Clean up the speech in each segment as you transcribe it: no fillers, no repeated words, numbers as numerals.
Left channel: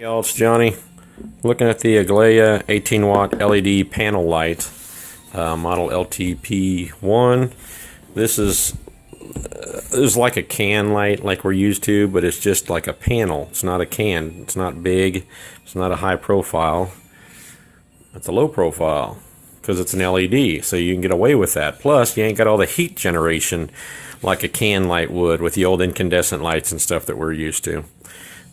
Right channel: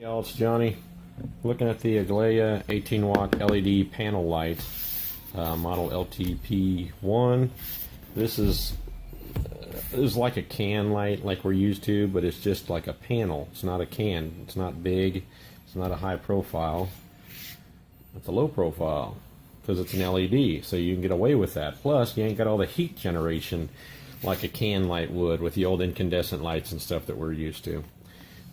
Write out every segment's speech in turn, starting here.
Hey y'all, it's Johnny. Looking at the Aglaia 18 watt LED panel light, model LTP1. This is like a can light like we're used to, but it's just like a panel. It's not a can. It's not big. It's not a high profile. It's a low profile because it's an LED, so you can get away with that. Plus, you ain't got all the heat generation like a can light would with the old incandescent lights and stuff that we're used to.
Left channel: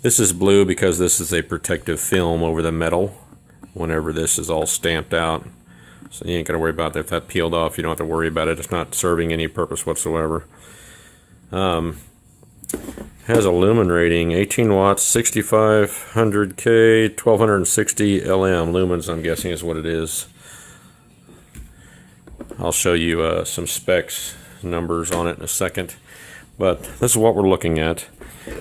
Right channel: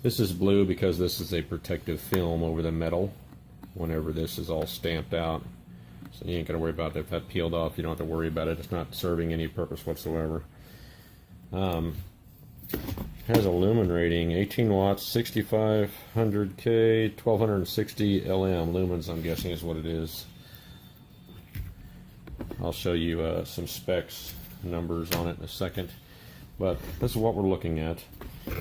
This is blue because this is a protective film over the metal whenever this is all stamped out. So you ain't got to worry about that. If that peeled off, you don't have to worry about it. It's not serving any purpose whatsoever. Has a lumen rating, 18 watts, 6500K, 1260 LM. Lumens, I'm guessing, is what it is. I'll show you some specs, numbers on it in a second. But this is what we're looking at.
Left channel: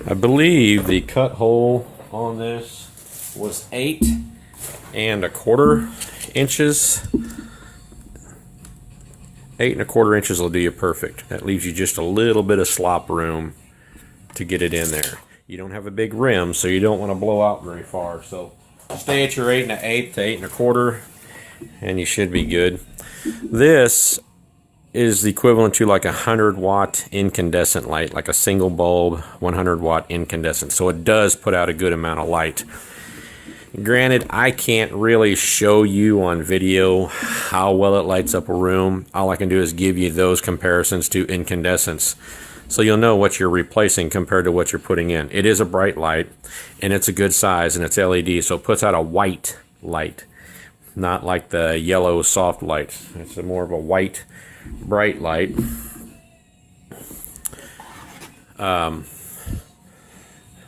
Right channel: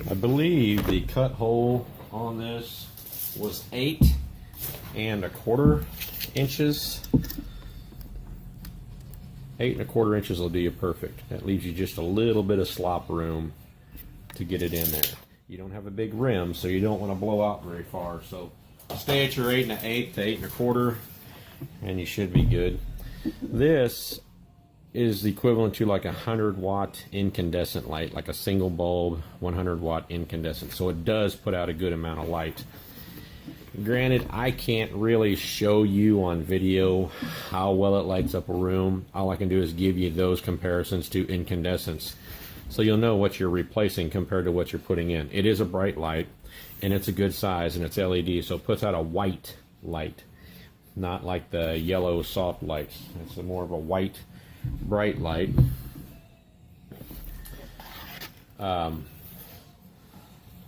I believe the cut hole on this was 8 1/4 inches. 8 1/4 inches will do you perfect. That leaves you just a little bit of slop room to get it in there. You don't have a big rim, so you don't want to blow out very far. So stay at your 8 1/8 to 8 1/4, and you should be good. This is the equivalent to like a 100-watt incandescent light, like a single bulb 100-watt incandescent. So it does put out a good amount of light. Granted, I can't really show you on video how well it lights up a room. All I can do is give you those comparisons to incandescents, so you'll know what you're replacing compared to what you're putting in. It is a bright light, and it's a good size, and it's LED, so it puts out a white light, not like the yellow soft light. It's more of a white bright light.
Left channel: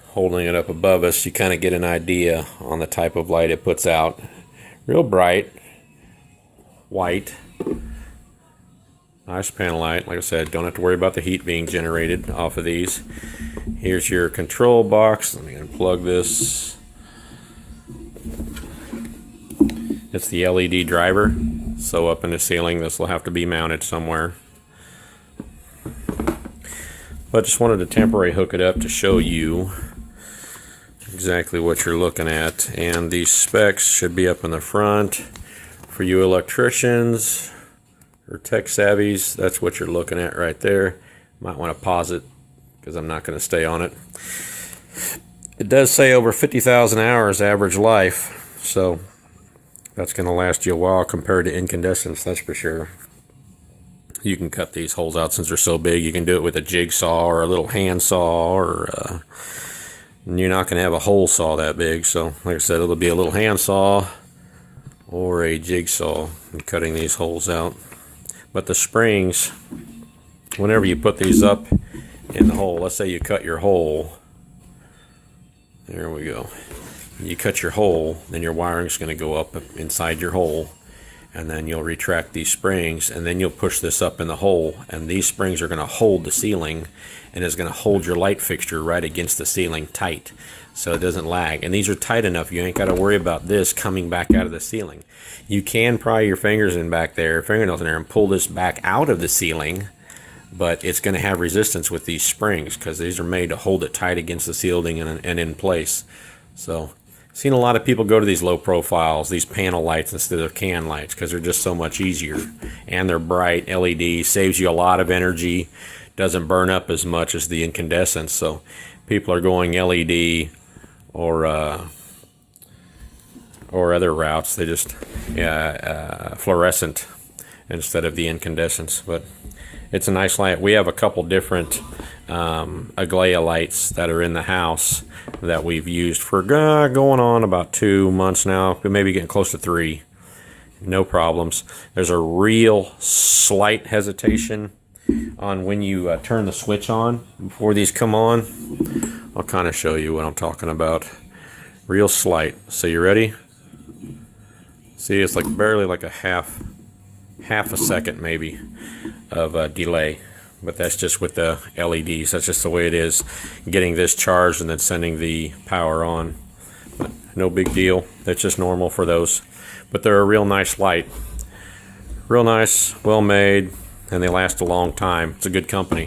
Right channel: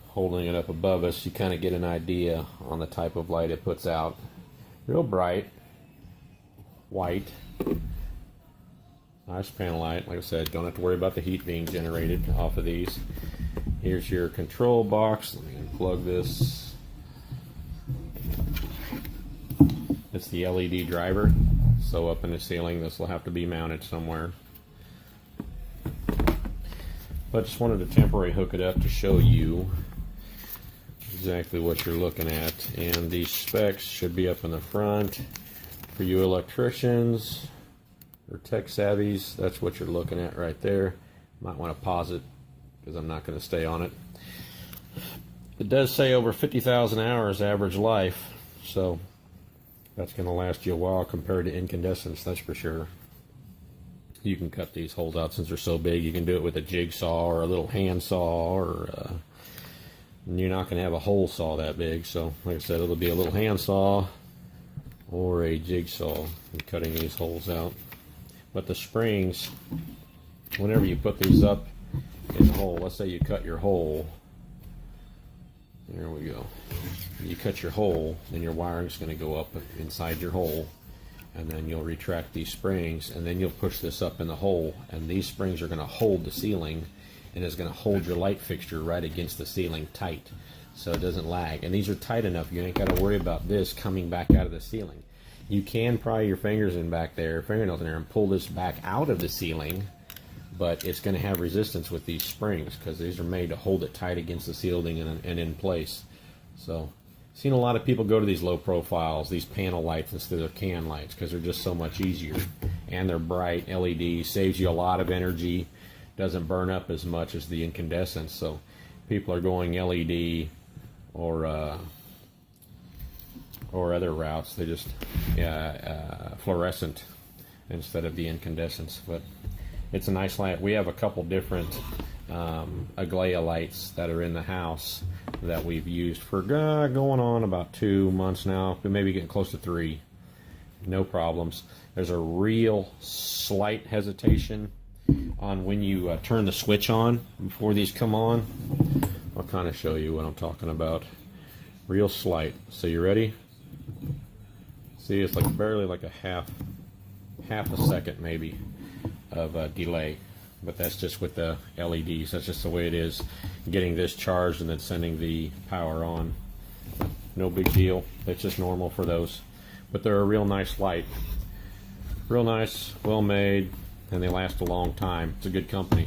Holding it up above us, you kind of get an idea on the type of light it puts out. Real bright, white, nice panel light. Like I said, don't have to worry about the heat being generated off of these. Here's your control box. Let me unplug this. It's the LED driver, so up in the ceiling this will have to be mounted somewhere. But just wanted to temporarily hook it up to show you exactly what you're looking at. And these specs should be up in the front for you electricians or tech savvies. That's what you're looking at right there. Might want to pause it because I'm not going to stay on it. It does say over 50,000 hours average life, so that's going to last you a while compared to incandescents, that's for sure. You can cut these holes out since they're so big. You can do it with a jigsaw or a little hand saw, or you're not going to have a hole saw that big. So, like I said, it'll be a little hand saw or a jigsaw in cutting these holes out. But the springs, whenever you put these up in the hole, let's say you cut your hole. There we go. You cut your hole, then your wiring's going to go up inside your hole, and then you'll retract these springs, and then you'll push this up in the hole, and these springs are going to hold the ceiling, and it's going to hold your light fixture right against the ceiling tight, so it doesn't lag. And these are tight enough, you ain't got to worry about this coming back out of the ceiling. You can pry your fingers in back there, fingernails in there, and pull this back out of the ceiling, but it's going to have resistance with these springs because these are made to hold it tight against the ceiling and in place. So seen a lot of people go to these low profiles, these panel lights instead of can lights, because they're just so much easier, and they're bright. LED saves you a lot of energy, doesn't burn up as much as the incandescents. So people are going LED or other routes. They just fluorescent instead of the incandescents. But it's a nice light. We have a couple different Aglaia lights that are in the house that we've used for going on about 2 months now, but maybe getting close to 3. No problems. There's a real slight hesitation on when you turn the switch on before these come on. I'll kind of show you what I'm talking about. Real slight. So you ready? See, it's like barely like a half a second maybe of delay. But that's just with the LEDs. That's just the way it is. Getting this charged and then sending the power on. But no big deal. That's just normal for those. But they're a real nice light. Real nice, well made, and they last a long time. It's a good company.